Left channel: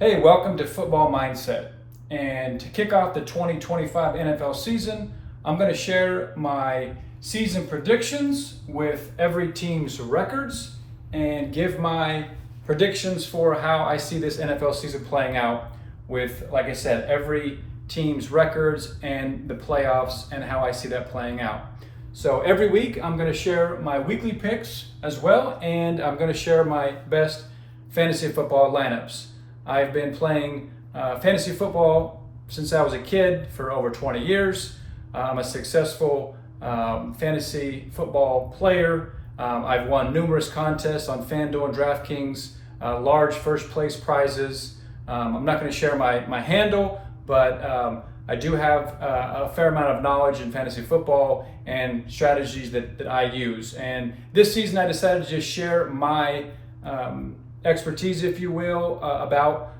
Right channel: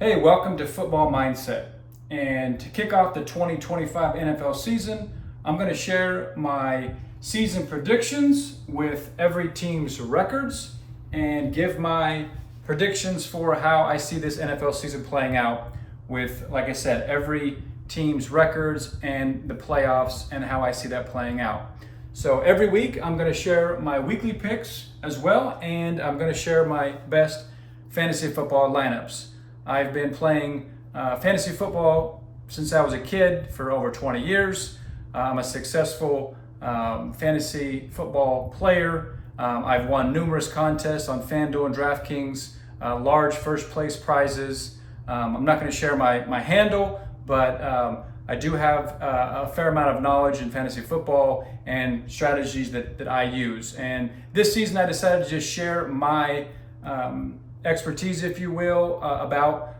Hey, welcome to Football Mindset. And to kick off the 2025 NFL season, I'm going to share my season predictions with every team's records and give my predictions for how I see this NFL season playing out with, like I said, every team's records and the playoffs and how I see that playing out. So every week I'm going to share my weekly picks as well, and I'm going to share my best fantasy football lineups. I've been playing fantasy football since I was a kid for over 20 years. I'm a successful fantasy football player. I've won numerous contests on FanDuel and DraftKings, large first place prizes. I'm not going to share my handle, but I do have a fair amount of knowledge in fantasy football and strategies that I use. And this season I decided to just share my expertise, if you will, about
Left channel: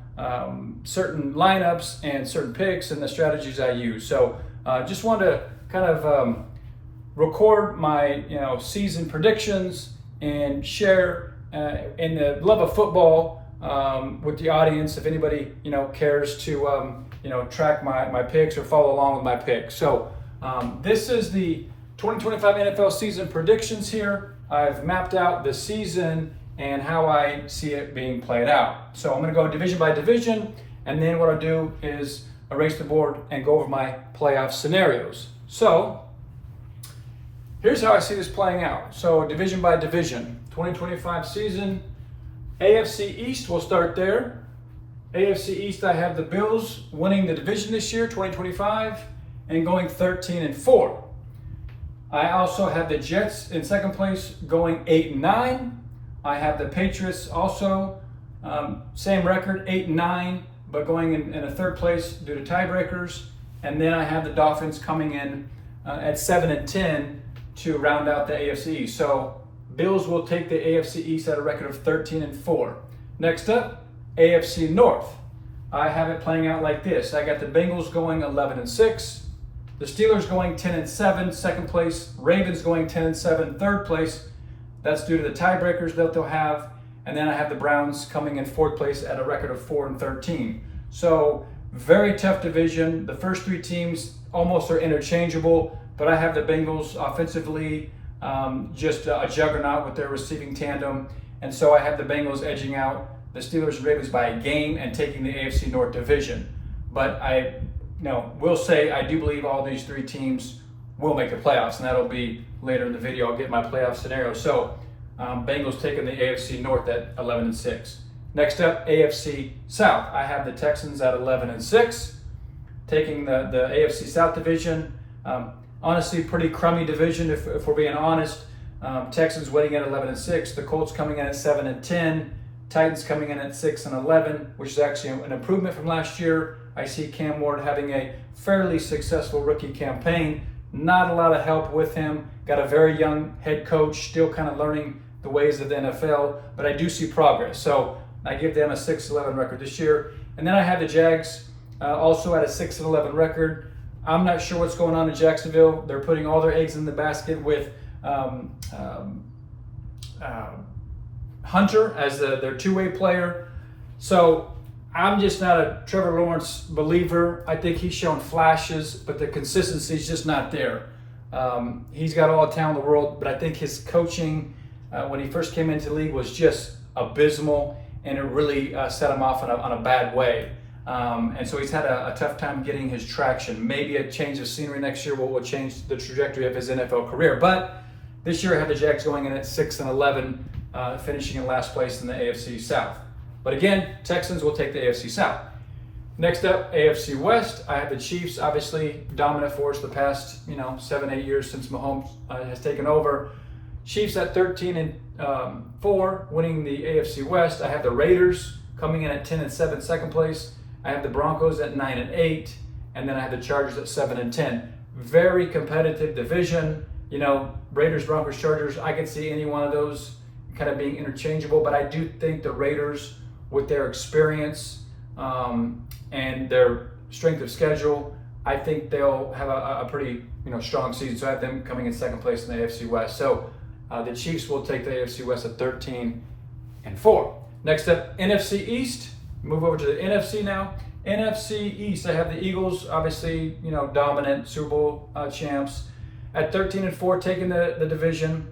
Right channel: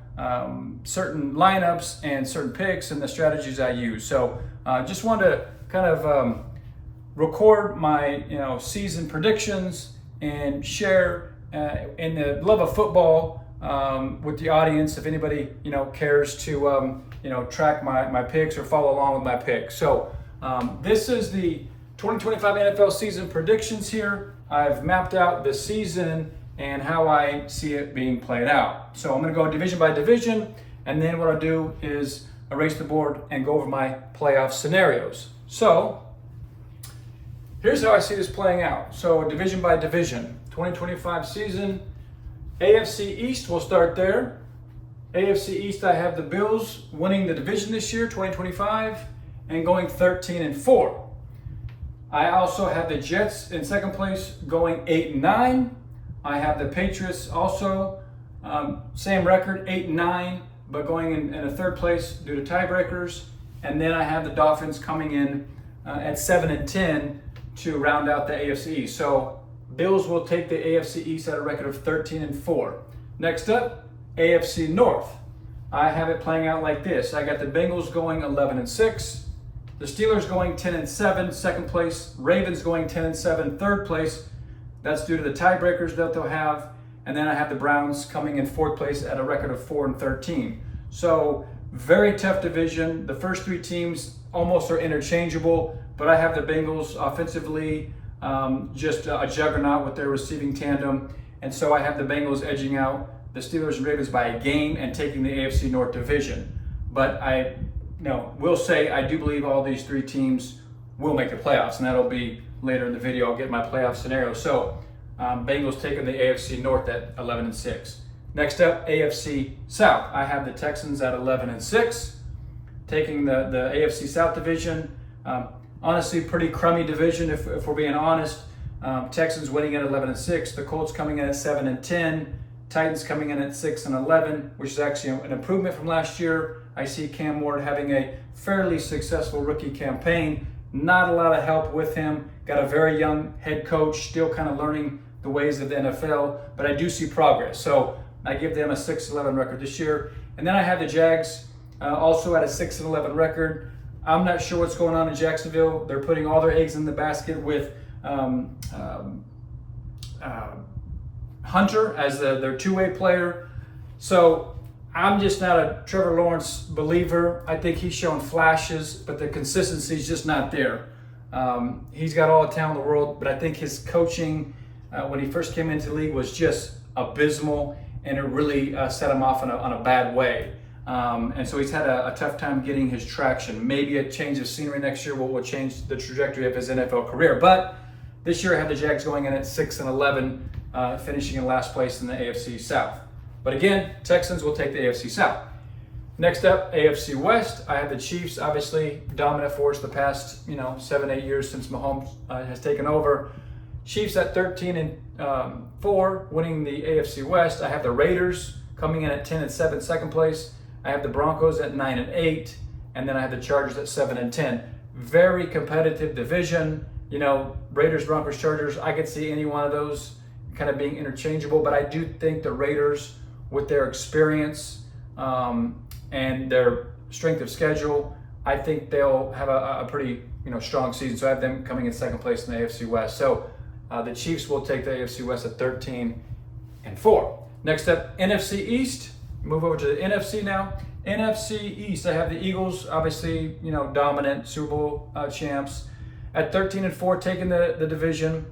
certain lineups and certain picks and the strategies I use. So just wanted to kind of record my season predictions and share in the love of football with the audience. If anybody cares to track my picks or follow along with my picks. So this is the 2025 NFL season predictions here. I've mapped out the season and how I see it being played out. So I'm going to go division by division, and then what I'll do is erase the board and go over my playoff scenarios. So here's how I see this playing out. So division by division, 2025 season, AFC East, we'll start there. AFC East, I have the Bills winning the division this year, 2025, and going 13-4. I also have the Jets in second place going 8-9. I have the Patriots also, same record, 8-9, but going in a third place due to tiebreakers. And then I have the Dolphins coming in at 7-10 to round out the AFC East. So Bills will take the AFC East at a record of 13-4. Next up, AFC North. I have it playing out like this. I got the Bengals going 11-6, the Steelers going 10-7, second place, Ravens going 10-7, third place. That's due to the tiebreakers that they'll have. And then I have the Browns coming in fourth place at a record of 4-13. So very tough division. The first three teams almost are interchangeable, but I have the Bengals offensively just a juggernaut with their receiving tandem. And so I have the Bengals edging out the Steelers and Ravens by a game and taking the AFC North division. But I will say I do believe all these three teams will make the playoffs, and that'll be later in the video. I'll get my playoff scenario. So Bengals taking the AFC North at 11-6. Next up, AFC South. I have the Texans at 11-6, taking the AFC South division. Honestly, pretty crummy division if we're being honest. Texans winning at 11-6, the Colts coming in at 7-10, Titans coming in at 6-11, which is actually an improvement from last year. I see Cam Ward having a fairly successful rookie campaign. Not a lot of help with him. Got a very young head coach, still kind of learning the ways of the NFL, but I do see progress. So I give them a 6-11 record this year. And then I have the Jags also at a 6-11 record. I'm not sure what's going on in Jacksonville. They're putting all their eggs in the basket with Hunter as their two-way player. So I'm just not a Trevor Lawrence believer. I think he's shown flashes, but the consistency is just not there. He's got all the talent in the world, but I think his coaching when he first came into the league was just abysmal, and it really set him off on a bad way. And so he's had a tough time getting his traction. Maybe a change of scenery next year will change the trajectory of his NFL career. But this year I have the Jags going in at 6-11, finishing in last place in the AFC South. But again, Texans will take the AFC South. Next up, AFC West. I have the Chiefs, obviously dominant force the past 7-8 years since Mahomes has taken over. Chiefs at 13-4, winning the AFC West. I have the Raiders coming in at 10-7, second place. I have the Broncos at 9-8, and then I have the Chargers at 7-10. Very competitive division. Raiders, Broncos, Chargers. I could see any one of those kind of being interchangeable, but I do think the Raiders, with their experience and their strength of schedule, I think they'll have a pretty strong season. So I have them coming in second place in the AFC West. So the Chiefs will take the AFC West at 13-4. Next up, NFC East. Move over to the NFC now. NFC East, I have the Eagles, obviously, dominant Super Bowl champs. At 13-4, taking the division.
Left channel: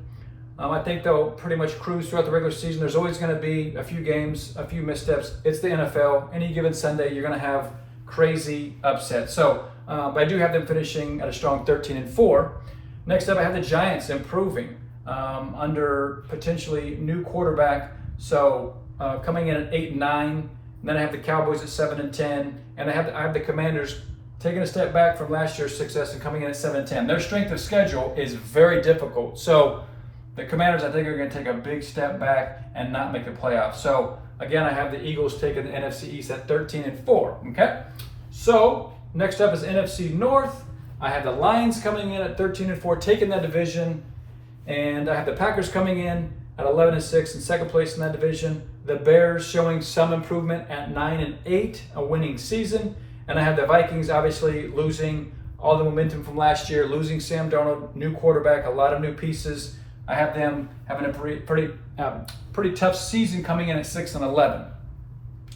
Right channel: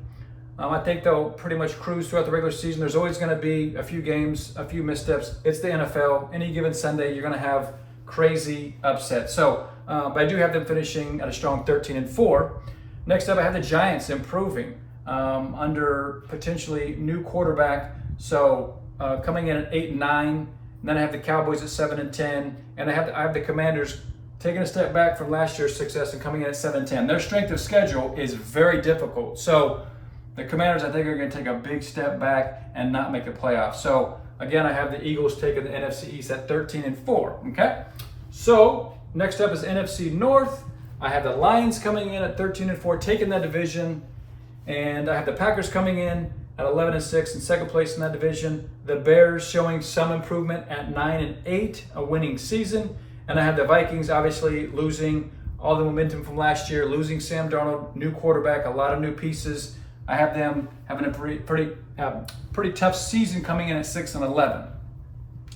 I think they'll pretty much cruise throughout the regular season. There's always going to be a few games, a few missteps. It's the NFL. Any given Sunday, you're going to have crazy upsets. So, but I do have them finishing at a strong 13-4. Next up, I have the Giants improving under potentially new quarterback. So coming in at 8-9. And then I have the Cowboys at 7-10, and I have the Commanders taking a step back from last year's success and coming in at 7-10. Their strength of schedule is very difficult. So the Commanders, I think, are going to take a big step back and not make the playoffs. So again, I have the Eagles taking the NFC East at 13-4. Okay. So next up is NFC North. I have the Lions coming in at 13-4, taking that division, and I have the Packers coming in at 11-6 in second place in that division. The Bears showing some improvement at 9-8, a winning season. And I have the Vikings obviously losing all the momentum from last year, losing Sam Darnold, new quarterback, a lot of new pieces. I have them having a pretty tough season coming in at 6-11.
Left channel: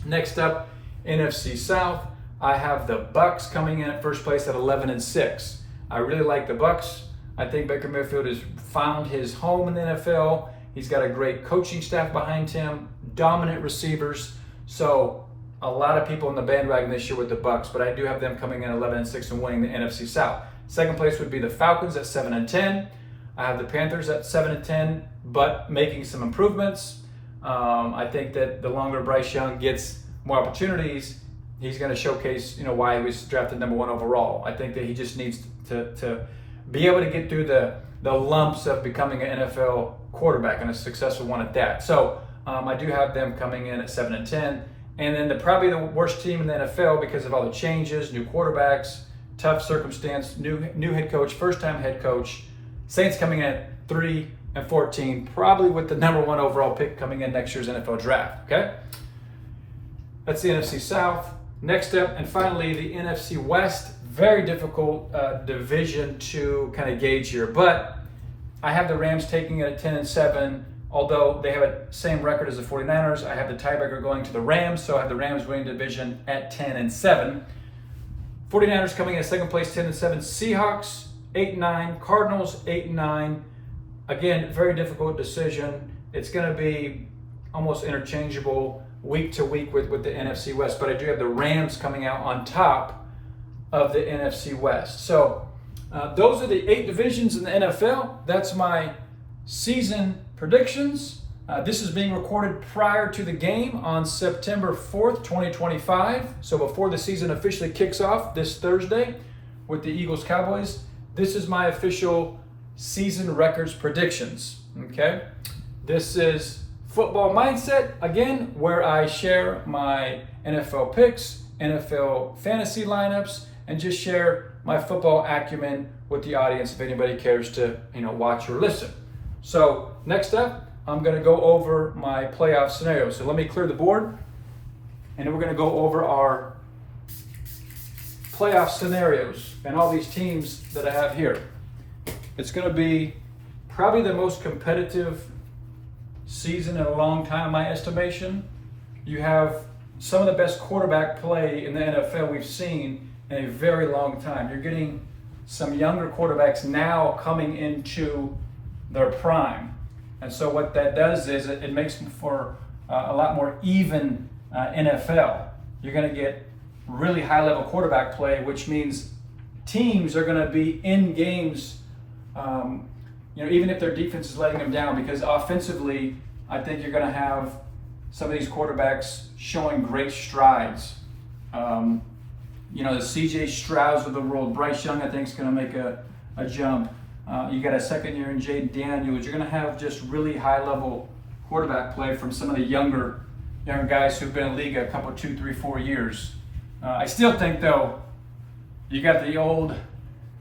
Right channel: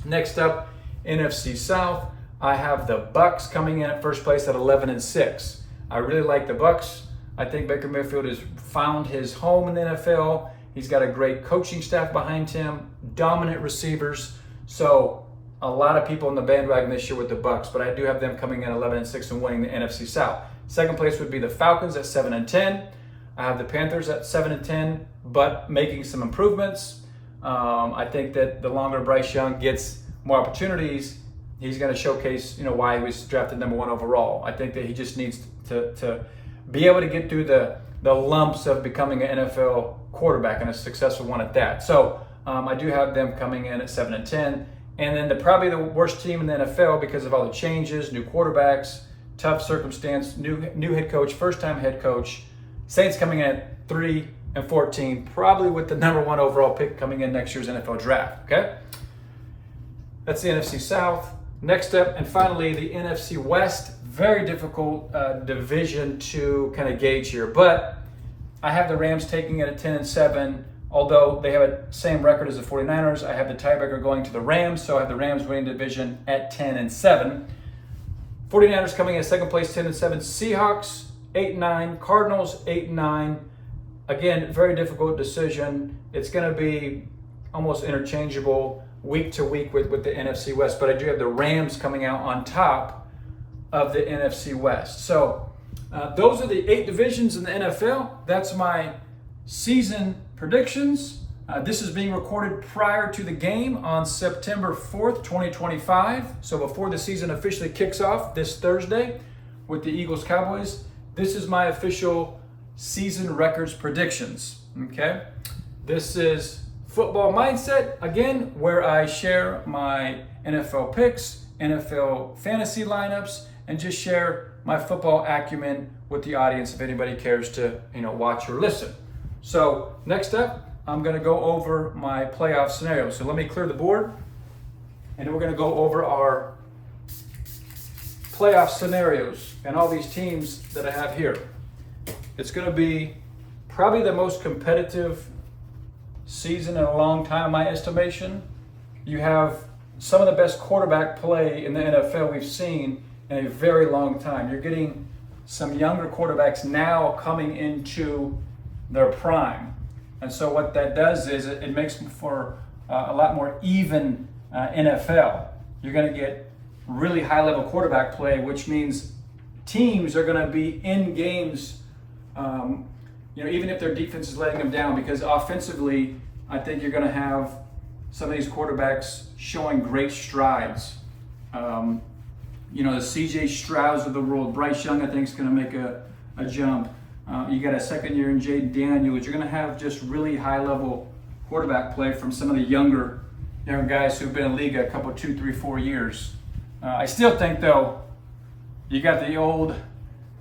Next up, NFC South, I have the Bucks coming in at first place at 11-6. I really like the Bucks. I think Baker Mayfield has found his home in the NFL. He's got a great coaching staff behind him, dominant receivers. So a lot of people in the bandwagon this year with the Bucks, but I do have them coming in 11-6 and winning the NFC South. Second place would be the Falcons at 7-10. I have the Panthers at 7-10, but making some improvements. I think that the longer Bryce Young gets more opportunities, he's going to showcase, why he was drafted number 1 overall. I think that he just needs to be able to get through the lumps of becoming an NFL quarterback, and a successful one at that. So I do have them coming in at 7-10. And then probably the worst team in the NFL because of all the changes, new quarterbacks, tough circumstance, new head coach, first-time head coach. Saints coming in at 3-14, probably with the number 1 overall pick coming in next year's NFL draft, okay? That's the NFC South. Next up, and finally, the NFC West. Very difficult division to kind of gauge here, but I have the Rams taking it at 10-7. Although they have a same record as the 49ers, I have the tiebreaker going to the Rams, so I have the Rams winning the division at 10-7. 49ers coming in second place, 10-7. Seahawks, 8-9. Cardinals, 8-9. Again, very difficult decision. It's going to be almost interchangeable week to week with the NFC West, but I do have the Rams coming out on top of the NFC West. So those are the 8 divisions in the NFL. That's my season predictions. This is being recorded prior to the game on September 4th, 2025. So before the season officially kicks off this Thursday with the Eagles Cowboys, this is my official season records predictions. Okay. This is Football Mindset, again, where I share my NFL picks, NFL fantasy lineups, and just share my football acumen with the audience if anybody cares to, watch or listen. So next up, I'm going to go over my playoff scenarios. So let me clear the board, and then we're going to go over our playoff scenarios and all these teams that I have here. It's going to be probably the most competitive season in a long time, in my estimation. You have some of the best quarterback play in the NFL we've seen in a very long time. You're getting some younger quarterbacks now coming into their prime. And so what that does is it makes for a lot more even NFL. You're going to get really high level quarterback play, which means teams are going to be in games, even if their defense is letting them down, because offensively, I think you're going to have some of these quarterbacks showing great strides. The CJ Strouds of the world, Bryce Young, I think, is going to make a jump. You got a second year in Jay Daniels. You're going to have just really high-level quarterback play from some of the younger guys who've been in the league a couple, 2, 3, 4 years. I still think, though, you got the old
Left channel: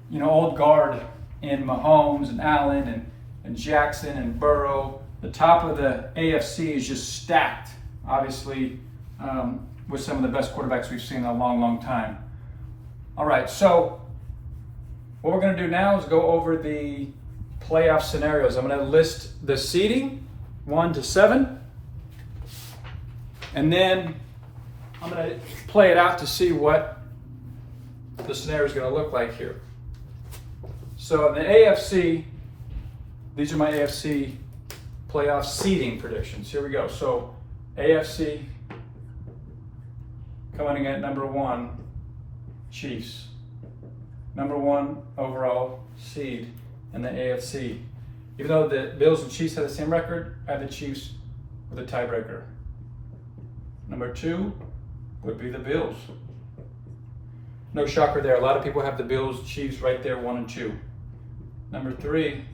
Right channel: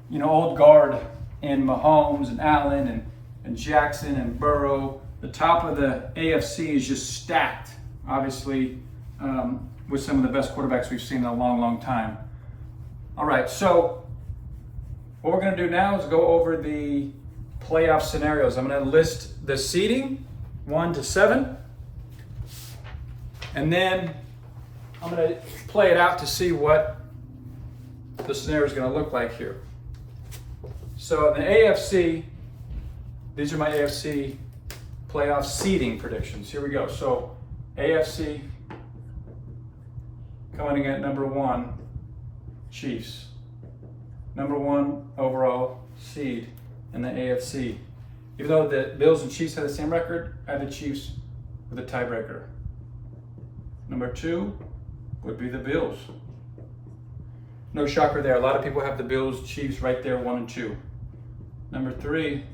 guard in Mahomes and Allen and Jackson and Burrow. The top of the AFC is just stacked, obviously, with some of the best quarterbacks we've seen in a long, long time. All right, so what we're going to do now is go over the playoff scenarios. I'm going to list the seeding 1 to 7, and then I'm going to play it out to see what the scenario is going to look like here. So in the AFC, these are my AFC playoff seeding predictions. Here we go. So AFC coming in at number 1, Chiefs. Number 1 overall seed in the AFC. Even though the Bills and Chiefs have the same record, I have the Chiefs with a tiebreaker. Number 2 would be the Bills. No shocker there. A lot of people have the Bills, Chiefs right there, 1 and 2. Number 3,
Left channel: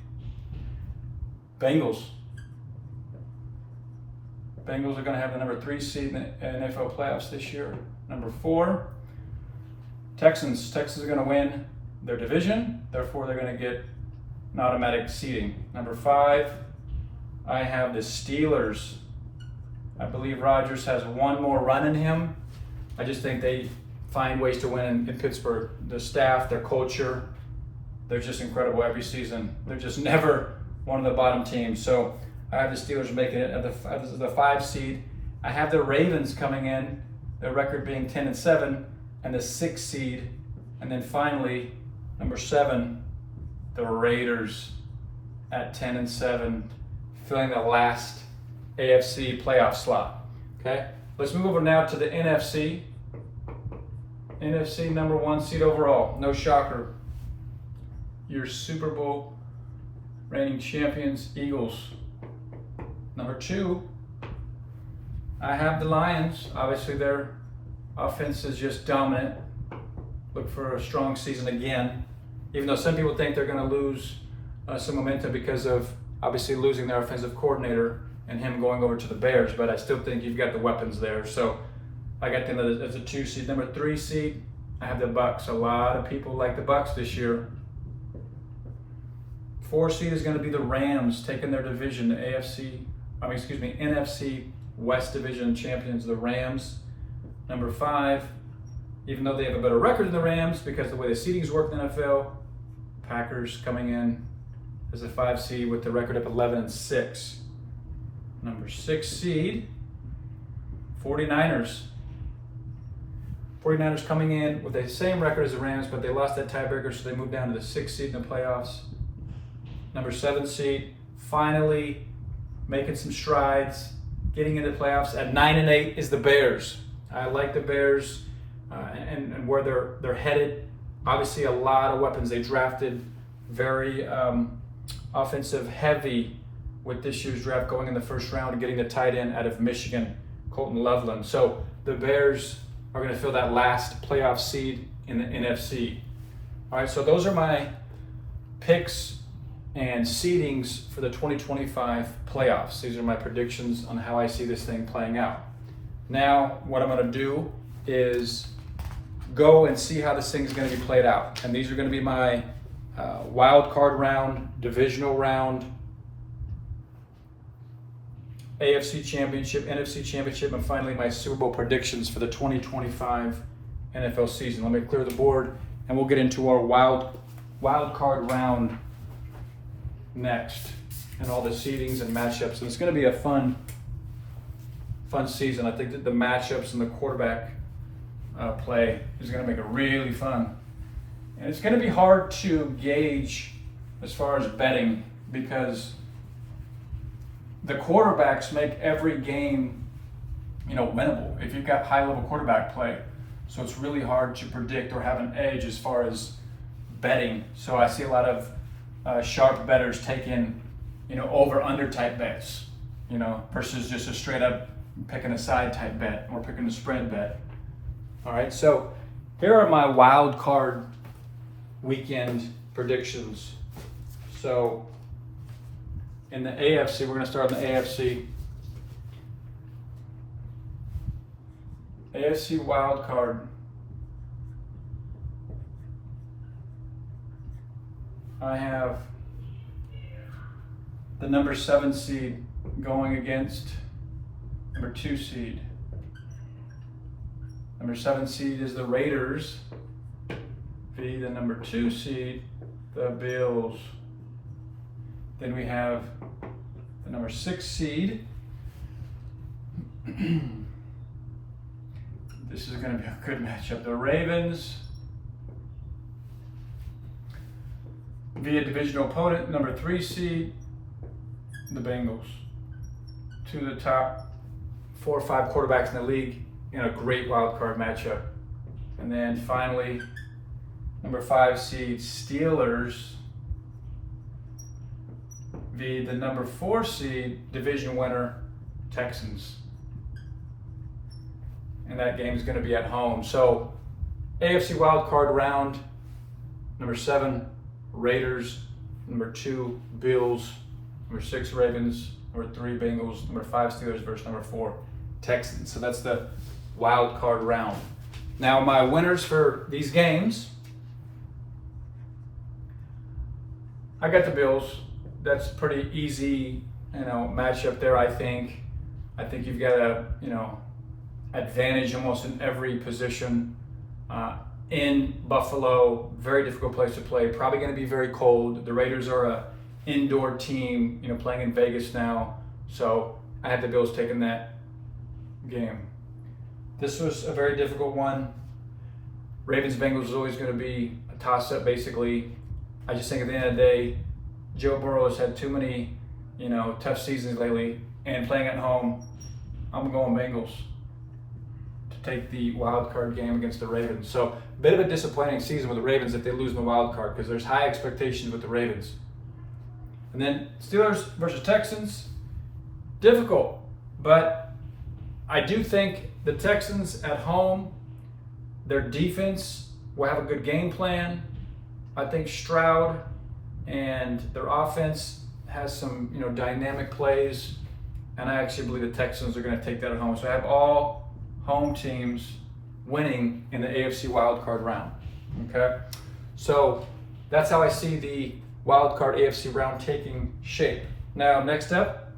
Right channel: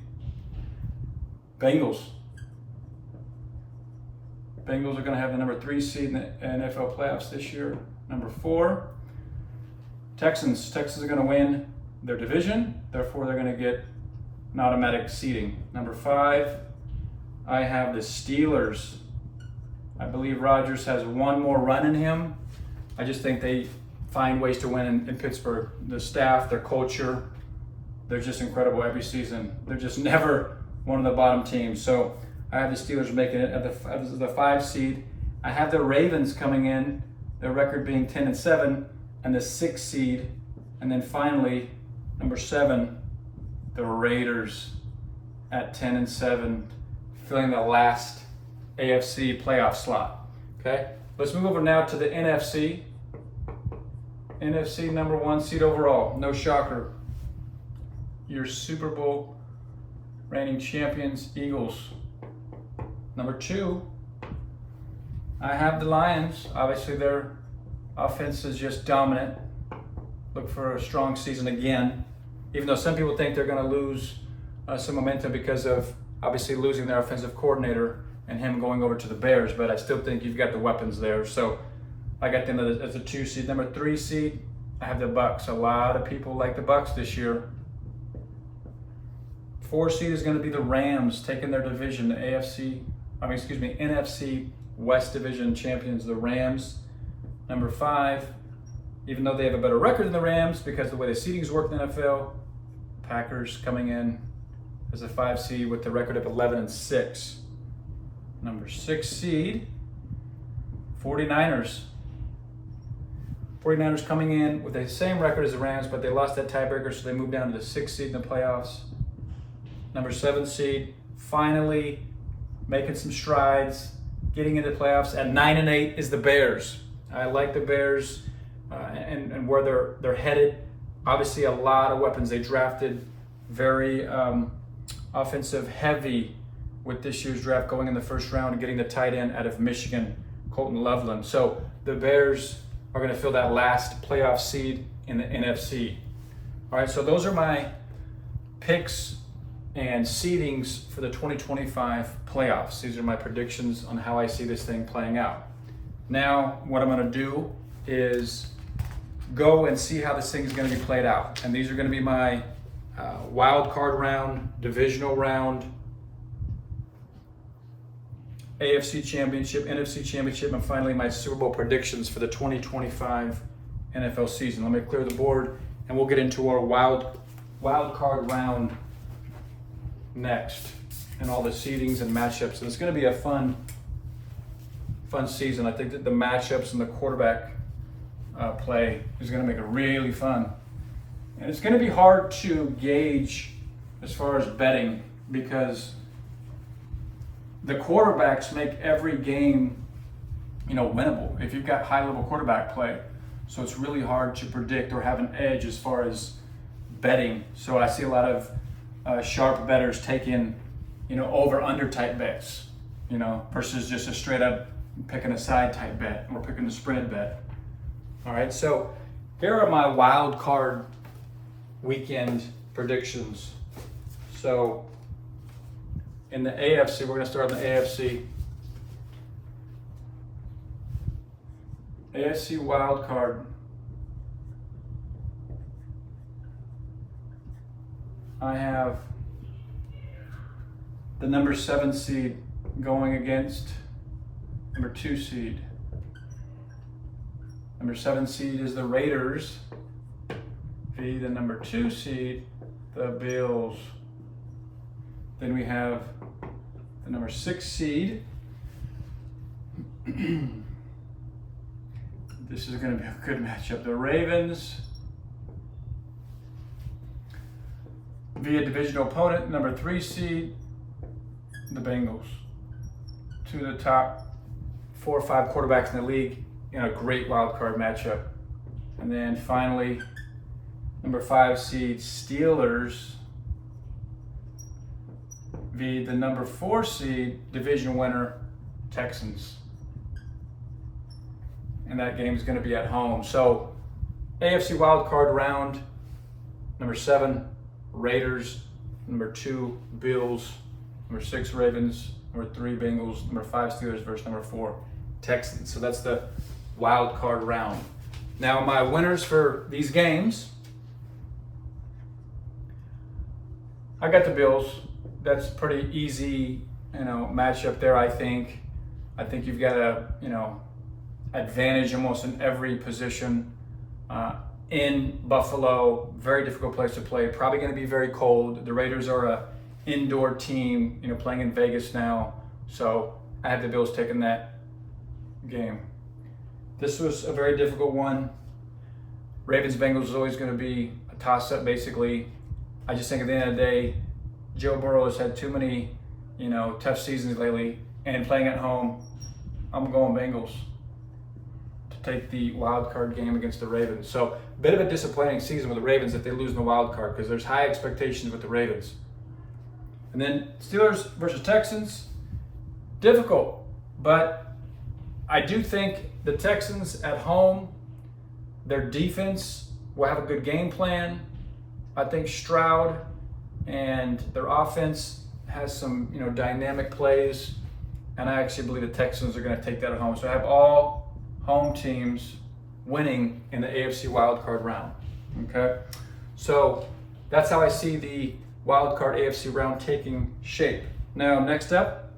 Bengals. Bengals are going to have the number 3 seed in the NFL playoffs this year. Number 4, Texans. Texans are going to win their division, therefore they're going to get an automatic seeding. Number 5, I have the Steelers. I believe Rodgers has one more run in him. I just think they find ways to win in Pittsburgh. The staff, their culture, they're just incredible every season. They're just never one of the bottom teams. So I have the Steelers making it as the 5 seed. I have the Ravens coming in, their record being 10-7, and the 6 seed. And then finally, number 7, the Raiders at 10-7, filling the last AFC playoff slot. Okay, let's move over now to the NFC. NFC number 1 seed overall. No shocker. Your Super Bowl reigning champions, Eagles. Number 2, I have the Lions. Obviously, their offense is just dominant. Look for a strong season again. Even though some people think they're going to lose some momentum because of obviously losing their offensive coordinator and him going over to the Bears, but I still think you've got the weapons there. So I got them as a 2 seed. Number 3 seed, I have the Bucks. A lot of people like the Bucks this year. 4 seed is going to be the Rams, taking their division, the NFC West Division champions, the Rams. Number 5, even though they have a better record than the Rams because of the way the seedings work in the NFL, Packers coming in as a 5 seed with the record of 11-6. Number 6 seed, 49ers. 49ers coming in with the same record as the Rams, but they lost that tiebreaker, so they moved down to the 6th seed in the playoffs. Number 7 seed, finally making some strides, getting into the playoffs. At 9-8 is the Bears. I like the Bears and where they're headed. Obviously, a lot of weapons. They drafted very offensive heavy with this year's draft, going in the first round and getting the tight end out of Michigan, Colton Loveland. So the Bears are going to fill that last playoff seed in the NFC. All right, so those are my picks and seedings for the 2025 playoffs. These are my predictions on how I see this thing playing out. Now, what I'm going to do is go and see how this thing is going to be played out. And these are going to be my wild card round, divisional round, AFC Championship, NFC Championship, and finally my Super Bowl predictions for the 2025 NFL season. Let me clear the board, and we'll get into our wild card round next, and all the seedings and matchups. And it's going to be a fun season. I think that the matchups and the quarterback play is going to make it really fun. And it's going to be hard to gauge as far as betting because the quarterbacks make every game, winnable if you've got high-level quarterback play. So it's really hard to predict or have an edge as far as betting. So I see a lot of sharp bettors taking, over/under type bets, versus just a straight-up picking a side type bet or picking a spread bet. All right, so here are my wild card weekend predictions. So in the AFC, we're going to start in the AFC. AFC wild card. I have the number 7 seed going against number 2 seed. Number 7 seed is the Raiders. The number 2 seed, the Bills. Then we have the number 6 seed, This is going to be a good matchup. The Ravens via divisional opponent, number 3 seed, the Bengals. Two of the top 4 or 5 quarterbacks in the league in a great wild card matchup. And then finally, number 5 seed, Steelers via the number 4 seed, division winner, Texans. And that game is going to be at home. So AFC wildcard round, number 7, Raiders, number 2, Bills, number 6, Ravens, number 3, Bengals, number 5, Steelers versus number 4, Texans. So that's the wild card round. Now my winners for these games, I got the Bills. That's pretty easy, matchup there. I think you've got a, advantage almost in every position. In Buffalo, very difficult place to play. Probably going to be very cold. The Raiders are a indoor team, playing in Vegas now. So I have the Bills taking that game. This was a very difficult one. Ravens-Bengals is always going to be a toss-up, basically. I just think at the end of the day, Joe Burrow has had too many, tough seasons lately. And playing at home, I'm going Bengals to take the wild card game against the Ravens. So a bit of a disappointing season with the Ravens if they lose in the wild card, because there's high expectations with the Ravens. And then Steelers versus Texans, difficult. But I do think the Texans at home, their defense will have a good game plan. I think Stroud and their offense has some, dynamic plays. And I actually believe the Texans are going to take that at home. So I have all home teams winning in the AFC wildcard round. Okay? So that's how I see the wildcard AFC round taking shape. Now, next up,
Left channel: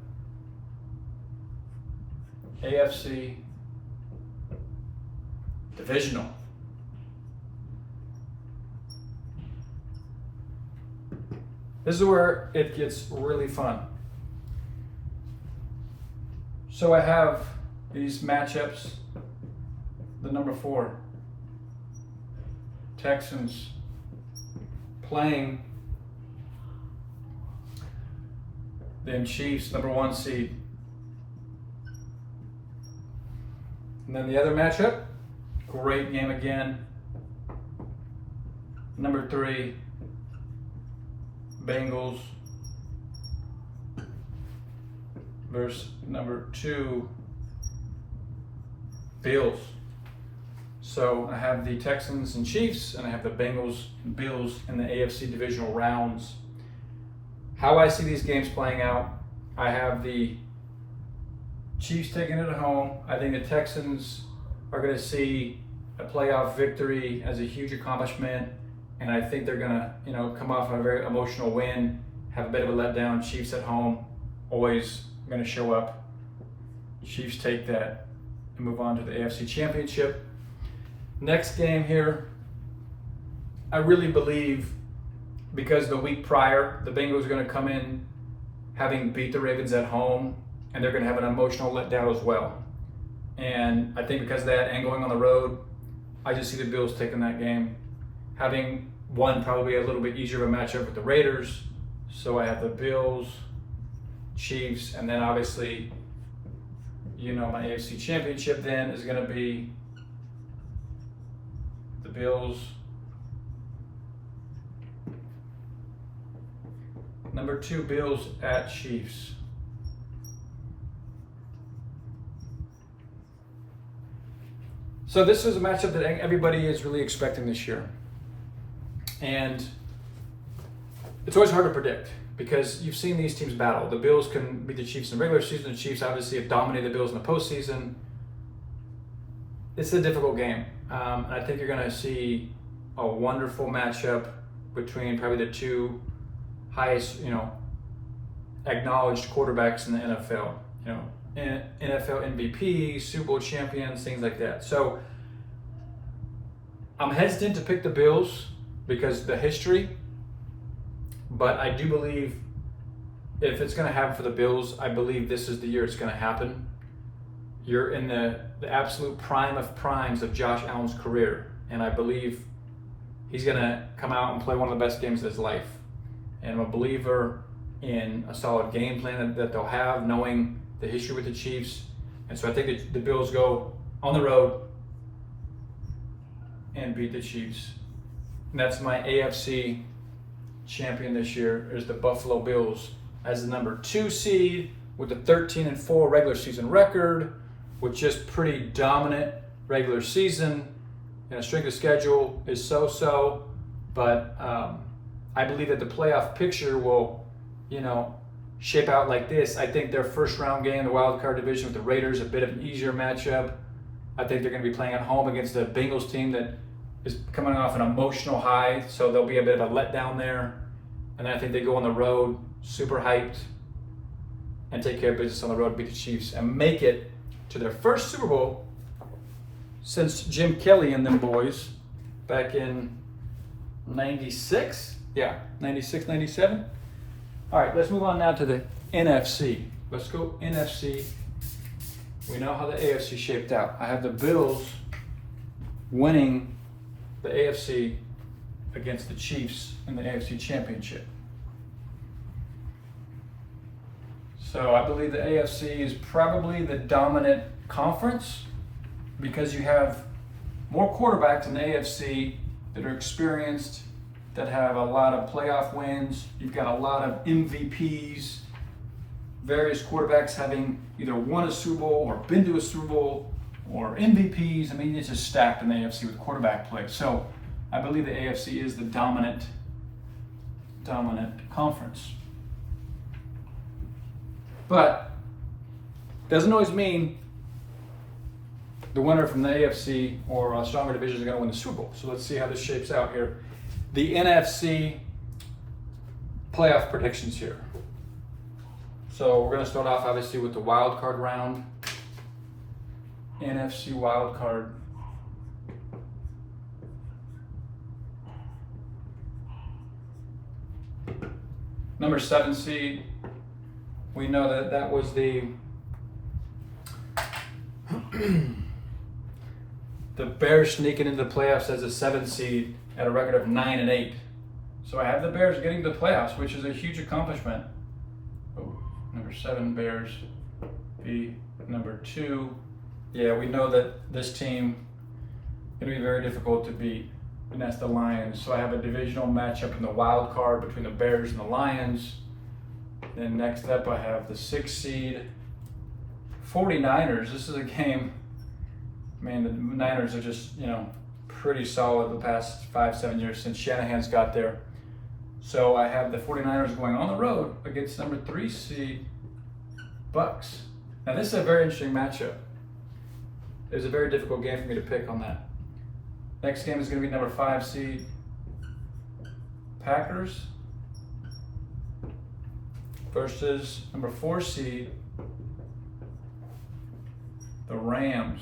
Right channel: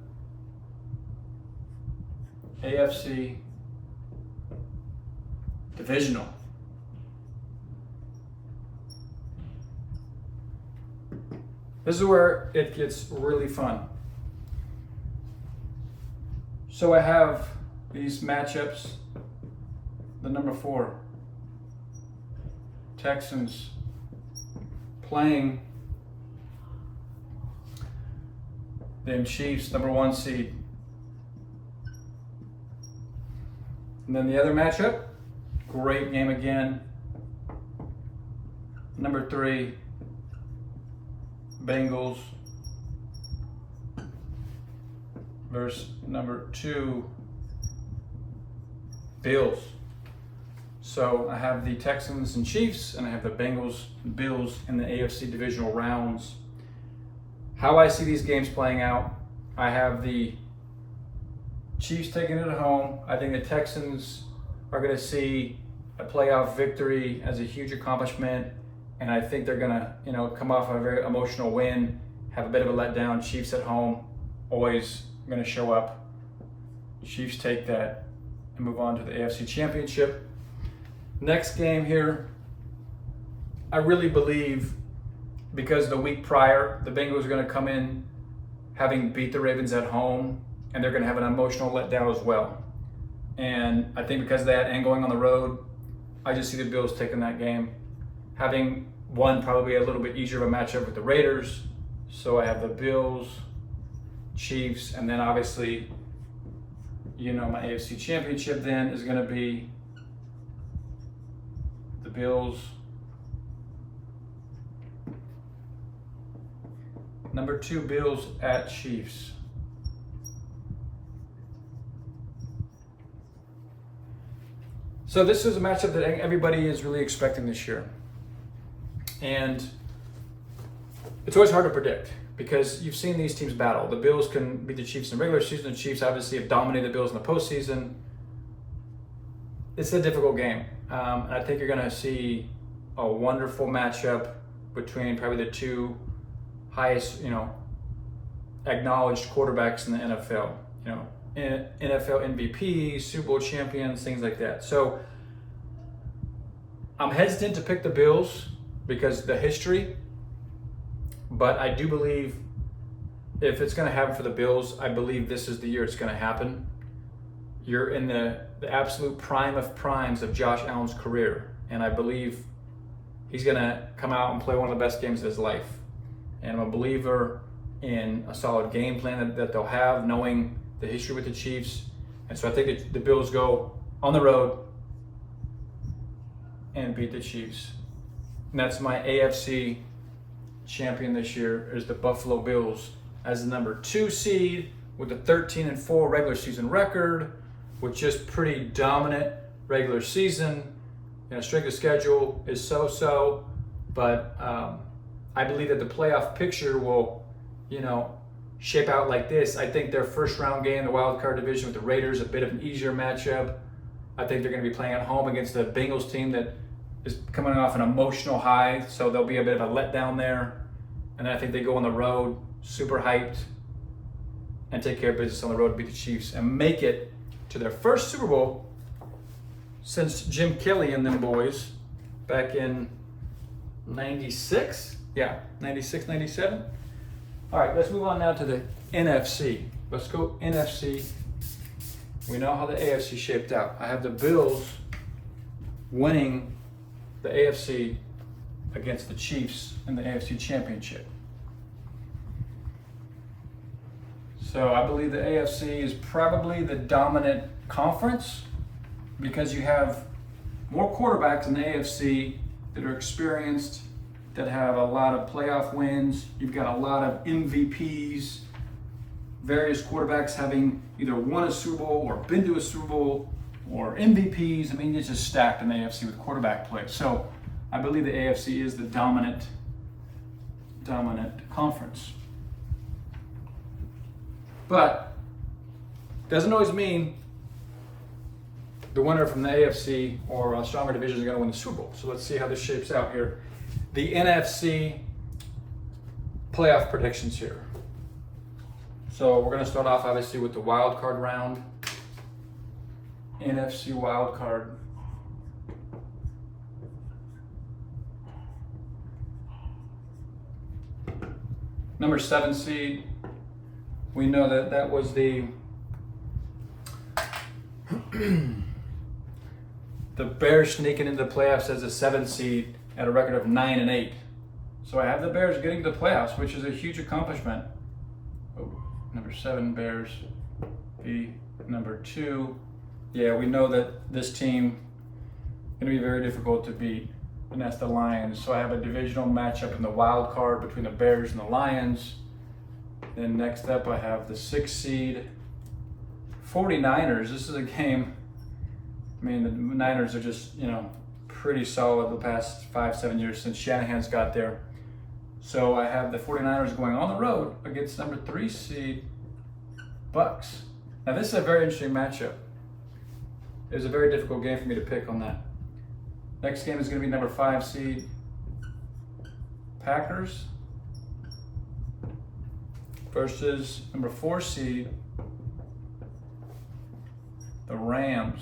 AFC divisional. This is where it gets really fun. So I have these matchups. The number 4, Texans playing then Chiefs, number 1 seed. And then the other matchup, great game again. Number 3, Bengals versus number 2, Bills. So I have the Texans and Chiefs, and I have the Bengals and Bills in the AFC divisional rounds. How I see these games playing out, I have the Chiefs taking it at home. I think the Texans are going to see a playoff victory as a huge accomplishment, and I think they're going to, come off a very emotional win, have a bit of a letdown. Chiefs at home, always going to show up. Chiefs take that and move on to the AFC Championship. Next game here, I really believe because the week prior, the Bengals are going to come in having beat the Ravens at home, and they're going to have an emotional letdown as well. And I think because of that and going on the road, I just see the Bills taking that game. Having won probably a little bit easier of a matchup with the Raiders. So I have the Bills, Chiefs, and then obviously, my AFC Championship then is going to be the Bills, number 2, Bills at Chiefs. So this is a matchup that everybody is really expecting this year. And it's always hard to predict because you've seen these teams battle. The Bills can beat the Chiefs in the regular season. The Chiefs obviously have dominated the Bills in the postseason. It's a difficult game. And I think you're going to see a wonderful matchup between probably the 2 highest, acknowledged quarterbacks in the NFL. NFL MVP, Super Bowl champions, things like that. So I'm hesitant to pick the Bills because of the history, but I do believe if it's going to happen for the Bills, I believe this is the year it's going to happen. you're in the absolute prime of primes of Josh Allen's career. And I believe he's going to come out and play one of the best games of his life. And I'm a believer in a solid game plan that they'll have, knowing the history with the Chiefs. And so I think the Bills go on the road and beat the Chiefs. And that's my AFC champion this year, is the Buffalo Bills as the number 2 seed with a 13-4 regular season record, with just pretty dominant regular season. Strength of schedule is so-so, but I believe that the playoff picture will, shape out like this. I think their first round game in the wild card division with the Raiders, a bit of an easier matchup. I think they're going to be playing at home against the Bengals team that is coming off an emotional high, so there'll be a bit of a letdown there. And then I think they go on the road, super hyped, and take care of business on the road, beat the Chiefs, and make it to their first Super Bowl since Jim Kelly and them boys back in 96? Yeah, 96, 97. All right, let's move on now to the NFC. Let's go NFC. We know how the AFC shaped out. I have the Bills winning the AFC against the Chiefs in the AFC Championship. So I believe the AFC is probably the dominant conference because you have more quarterbacks in the AFC that are experienced, that have a lot of playoff wins. You've got a lot of MVPs, various quarterbacks having either won a Super Bowl or been to a Super Bowl or MVPs. I mean, it's just stacked in the AFC with quarterback play. So I believe the AFC is the dominant conference. But doesn't always mean the winner from the AFC or a stronger division is going to win the Super Bowl. So let's see how this shapes out here. The NFC playoff predictions here. So we're going to start off obviously with the wild card round. NFC wild card. Number 7 seed. We know that was the the Bears sneaking into the playoffs as a 7 seed at a record of 9-8. So I have the Bears getting to the playoffs, which is a huge accomplishment. Oh, number 7 Bears be number 2. Yeah, we know that this team is going to be very difficult to beat, and that's the Lions. So I have a divisional matchup in the wild card between the Bears and the Lions. Then next up, I have the 6 seed 49ers. This is a game, man, the Niners are just, pretty solid the past 5-7 years since Shanahan's got there. So I have the 49ers going on the road against number 3 seed Bucks. Now this is a very interesting matchup. It's a very difficult game for me to pick on that. Next game is going to be number 5 seed Packers versus number 4 seed the Rams.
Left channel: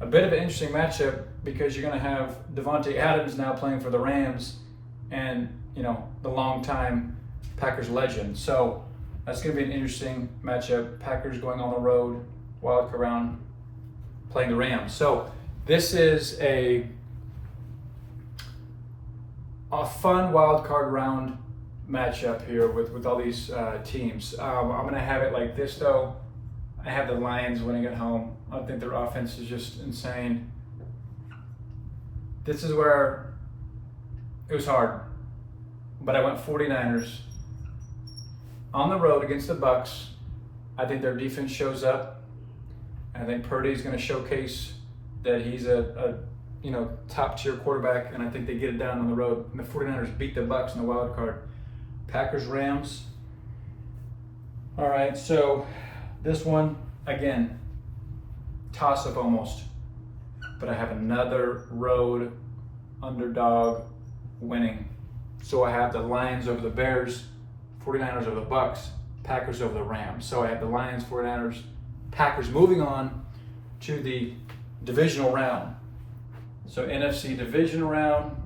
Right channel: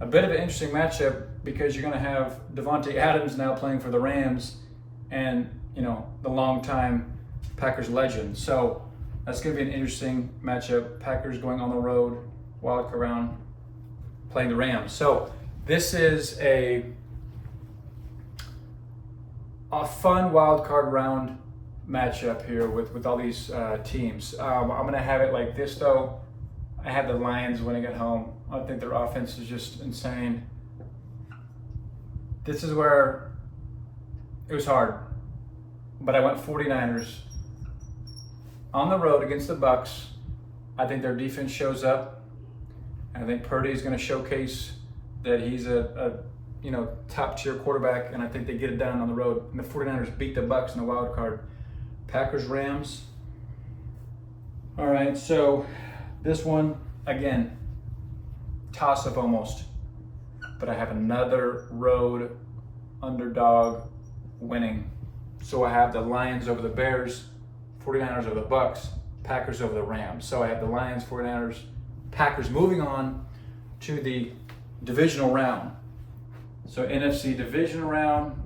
A bit of an interesting matchup because you're going to have Devontae Adams now playing for the Rams and, the longtime Packers legend. So that's going to be an interesting matchup. Packers going on the road, wild card round, playing the Rams. So this is a fun wild card round matchup here with all these teams. I'm going to have it like this though. I have the Lions winning at home. I think their offense is just insane. This is where it was hard, but I went 49ers on the road against the Bucks. I think their defense shows up. I think Purdy is going to showcase that he's a top tier quarterback, and I think they get it done on the road. And the 49ers beat the Bucks in the wild card. Packers Rams. All right, so this one again, toss up almost, but I have another road underdog winning. So I have the Lions over the Bears, 49ers over the Bucks, Packers over the Rams. So I have the Lions, 49ers, Packers moving on to the divisional round. So NFC division round.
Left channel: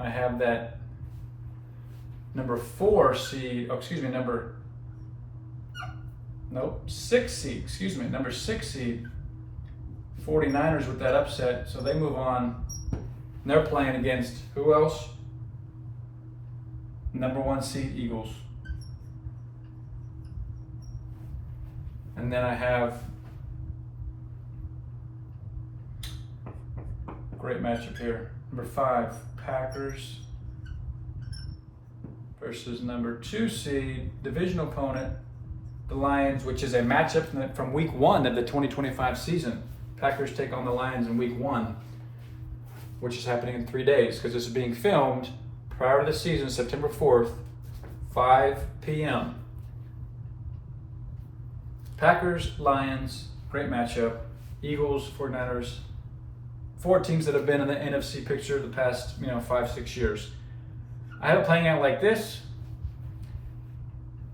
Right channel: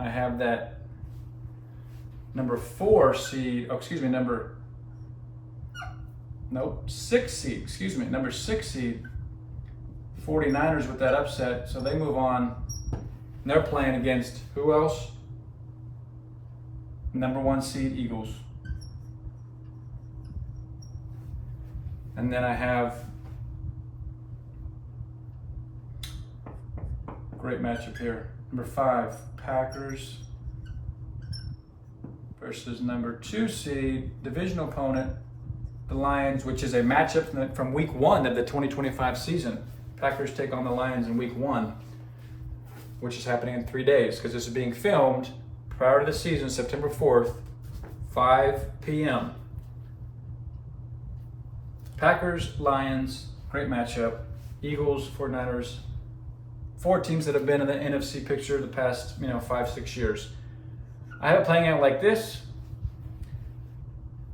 I have that number 4 seed, number 6 seed, number 6 seed, 49ers with that upset. So they move on. And they're playing against who else? Number 1 seed Eagles. And then I have great matchup here. Number 5, Packers versus number 2 seed, divisional opponent, the Lions, which is a matchup from week 1 of the 2025 season. Packers take on the Lions in week 1, which is happening in 3 days because this is being filmed prior to the season, September 4th, 5 p.m. Packers, Lions, great matchup. Eagles, 49ers, 4 teams that have been in the NFC picture the past 5-6 years. I have it playing out like this.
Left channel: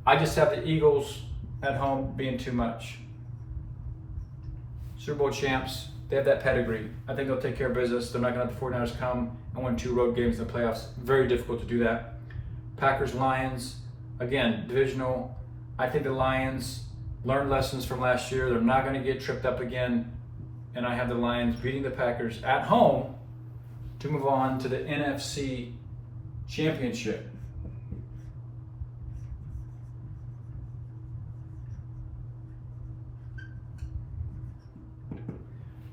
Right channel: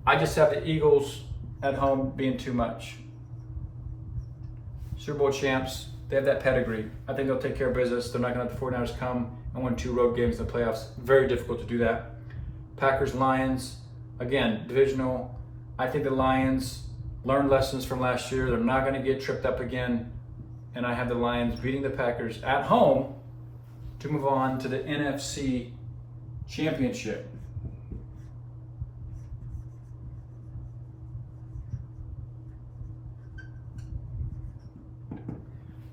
I just have the Eagles at home being too much. Super Bowl champs, they have that pedigree. I think they'll take care of business. They're not going to let the 49ers come and win 2 road games in the playoffs. Very difficult to do that. Packers, Lions, again, divisional. I think the Lions learned lessons from last year. They're not going to get tripped up again. And I have the Lions beating the Packers at home to move on to the NFC Championship.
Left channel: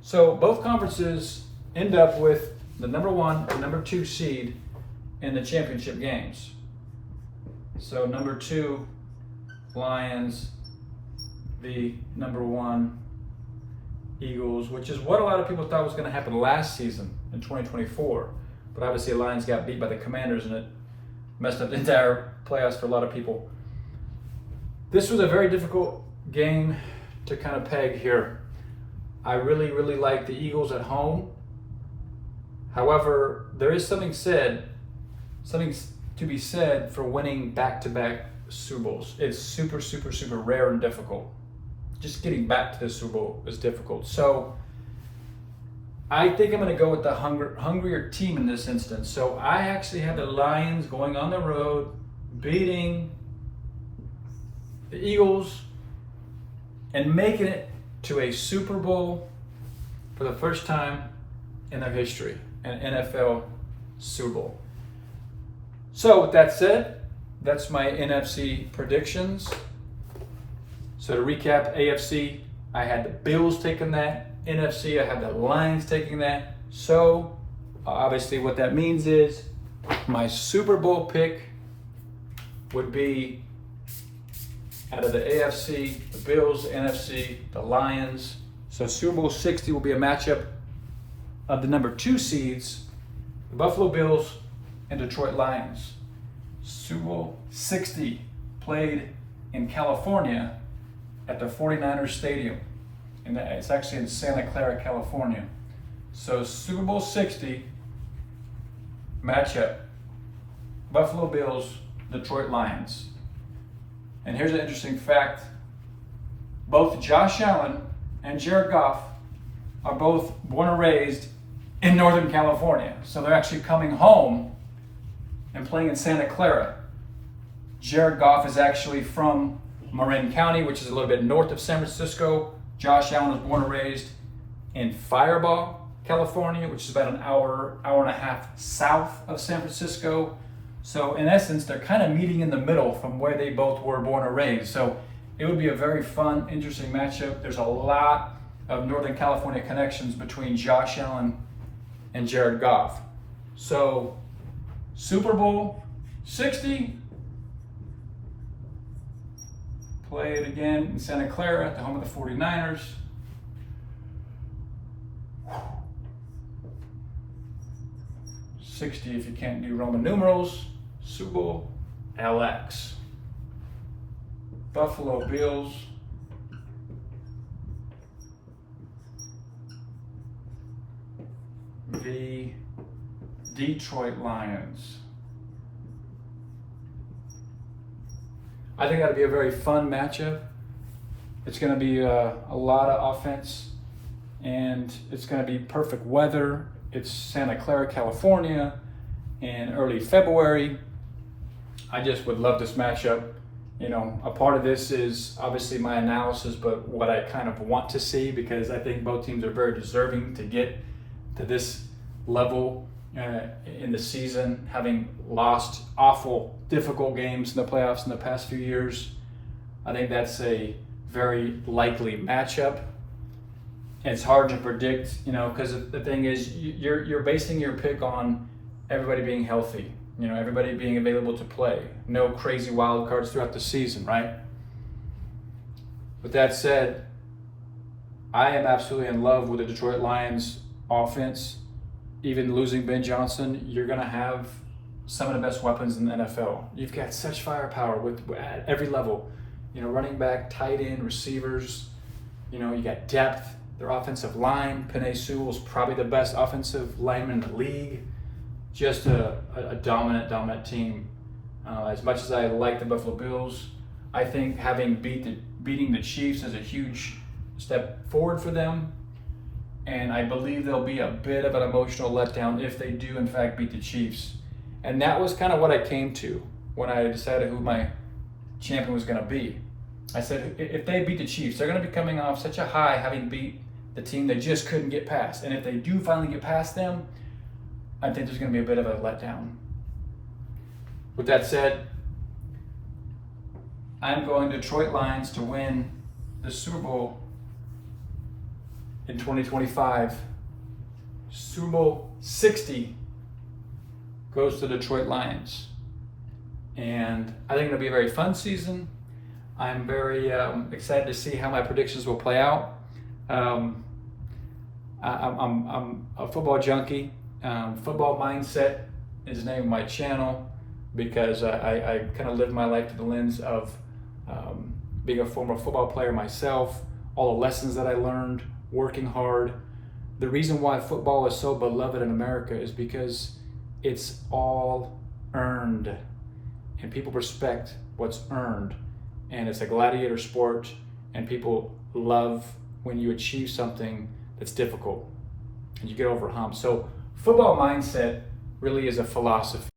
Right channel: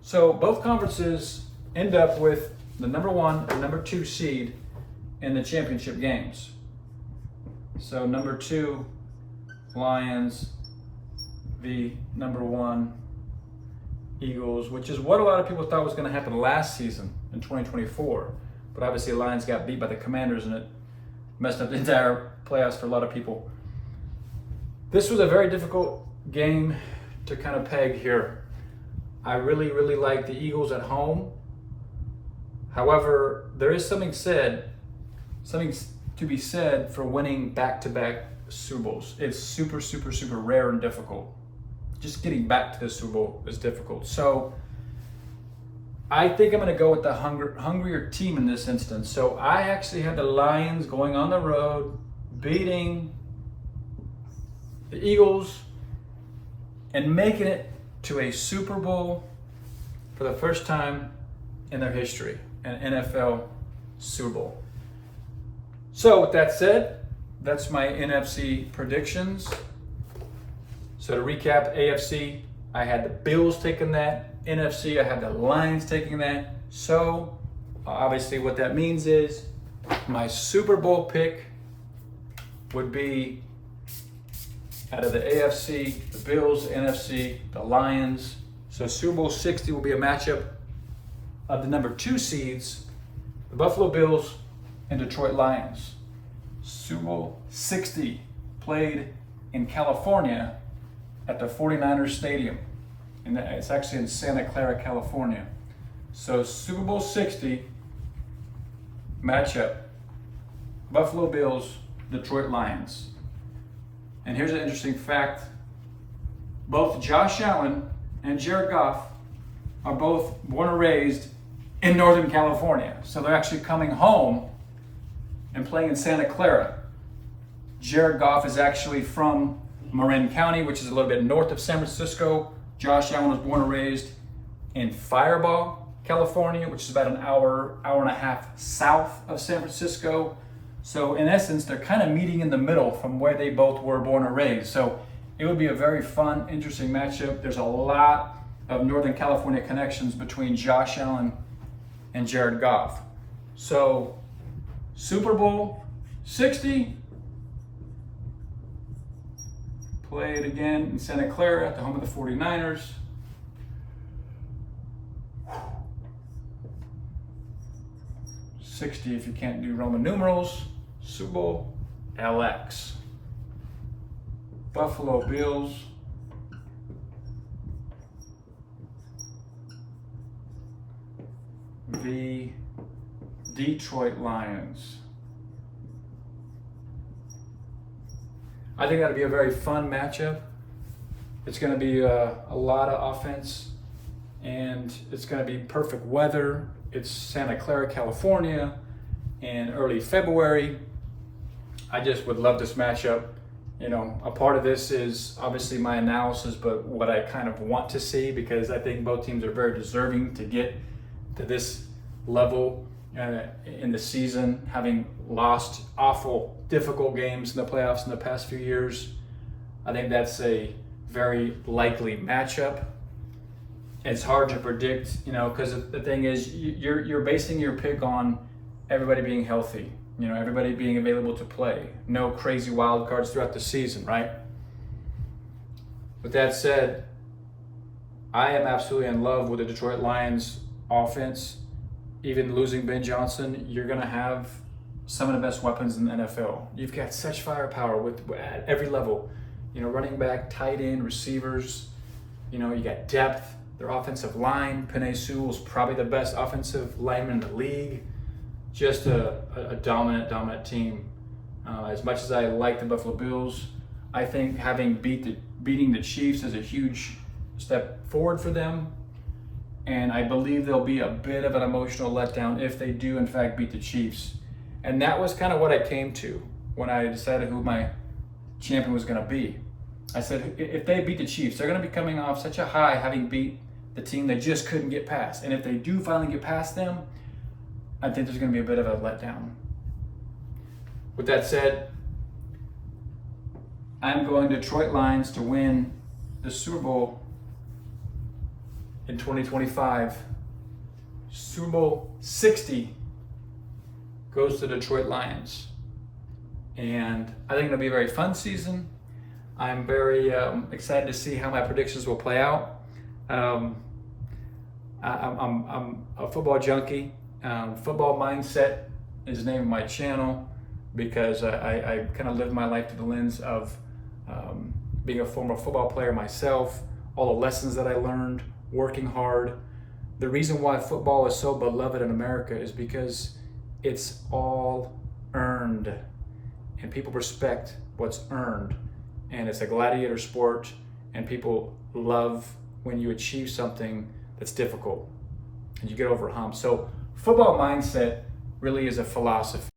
So both conferences end up with the number 1 and number 2 seed in the championship games. So number 2, Lions, the number 1, Eagles, which is what a lot of people thought was going to happen last season in 2024. But obviously the Lions got beat by the Commanders and it messed up the entire playoffs for a lot of people. This was a very difficult game to kind of peg here. I really, really like the Eagles at home. However, there is something to be said for winning back-to-back Super Bowls. It's super, super, super rare and difficult. Just getting back to the Super Bowl is difficult. So I think I'm going to go with the hungrier team in this instance. So I actually have the Lions going on the road, beating the Eagles, and making it to a Super Bowl for the first time in their history, an NFL Super Bowl. So with that said, that's my NFC predictions. So to recap, AFC, I had the Bills taking that. NFC, I had the Lions taking that. So obviously what that means is my Super Bowl pick would be out of the AFC, the Bills, the NFC, the Lions. So Super Bowl 60 will be a matchup of the number 2 seeds, the Buffalo Bills and Detroit Lions. Super Bowl 60 played in California at the 49ers Stadium. And it's actually in Santa Clara, California. So Super Bowl 60 matchup, Buffalo Bills, Detroit Lions. And here's an interesting fact. Both Josh Allen and Jared Goff are both born and raised in Northern California. So they're actually coming home and playing in Santa Clara. Jared Goff is actually from Marin County, which is a little bit north of San Francisco. Josh Allen was born and raised in Firebaugh, California, which is about an hour and a half south of San Francisco. So in essence, they're kind of meeting in the middle from where they both were born and raised. So it would be a very fun, interesting matchup. There's a lot of Northern California connections between Josh Allen and Jared Goff. So Super Bowl 60, played again in Santa Clara at the home of the 49ers. $60 if you can't do Roman numerals. Super Bowl LX. Buffalo Bills. The Detroit Lions. I think that'll be a very fun matchup. It's going to be a lot of offense, and it's going to be perfect weather. It's Santa Clara, California, in early February. I just would love this matchup. You know, a part of this is obviously my analysis, but what I kind of want to see, because I think both teams are very deserving to get to this level in the season, having lost awful, difficult games in the playoffs in the past few years. I think that's a very likely matchup. It's hard to predict, you know, because the thing is, you're basing your pick on everybody being healthy, you know, everybody being available to play, no crazy wild cards throughout the season, right? With that said, I am absolutely in love with the Detroit Lions offense. Even losing Ben Johnson, you're going to have some of the best weapons in the NFL. You've got such firepower at every level, you know, running back, tight end, receivers. You know, you got depth. Their offensive line, Penei Sewell is probably the best offensive lineman in the league. Just a dominant team. As much as I like the Buffalo Bills, I think beating the Chiefs is a huge step forward for them. And I believe there'll be a bit of an emotional letdown if they do, in fact, beat the Chiefs. And that was kind of what I came to when I decided who my champion was going to be. I said, if they beat the Chiefs, they're going to be coming off such a high, having beat the team they just couldn't get past. And if they do finally get past them, I think there's going to be a bit of a letdown. With that said, I'm going Detroit Lions to win the Super Bowl in 2025. Super Bowl 60 goes to Detroit Lions. And I think it'll be a very fun season. I'm very excited to see how my predictions will play out. I'm a football junkie. Football Mindset is the name of my channel, because I kind of live my life through the lens of being a former football player myself, all the lessons that I learned, working hard. The reason why football is so beloved in America is because it's all earned, and people respect what's earned. And it's a gladiator sport, and people love when you achieve something that's difficult and you get over a hump. So Football Mindset really is a philosophy.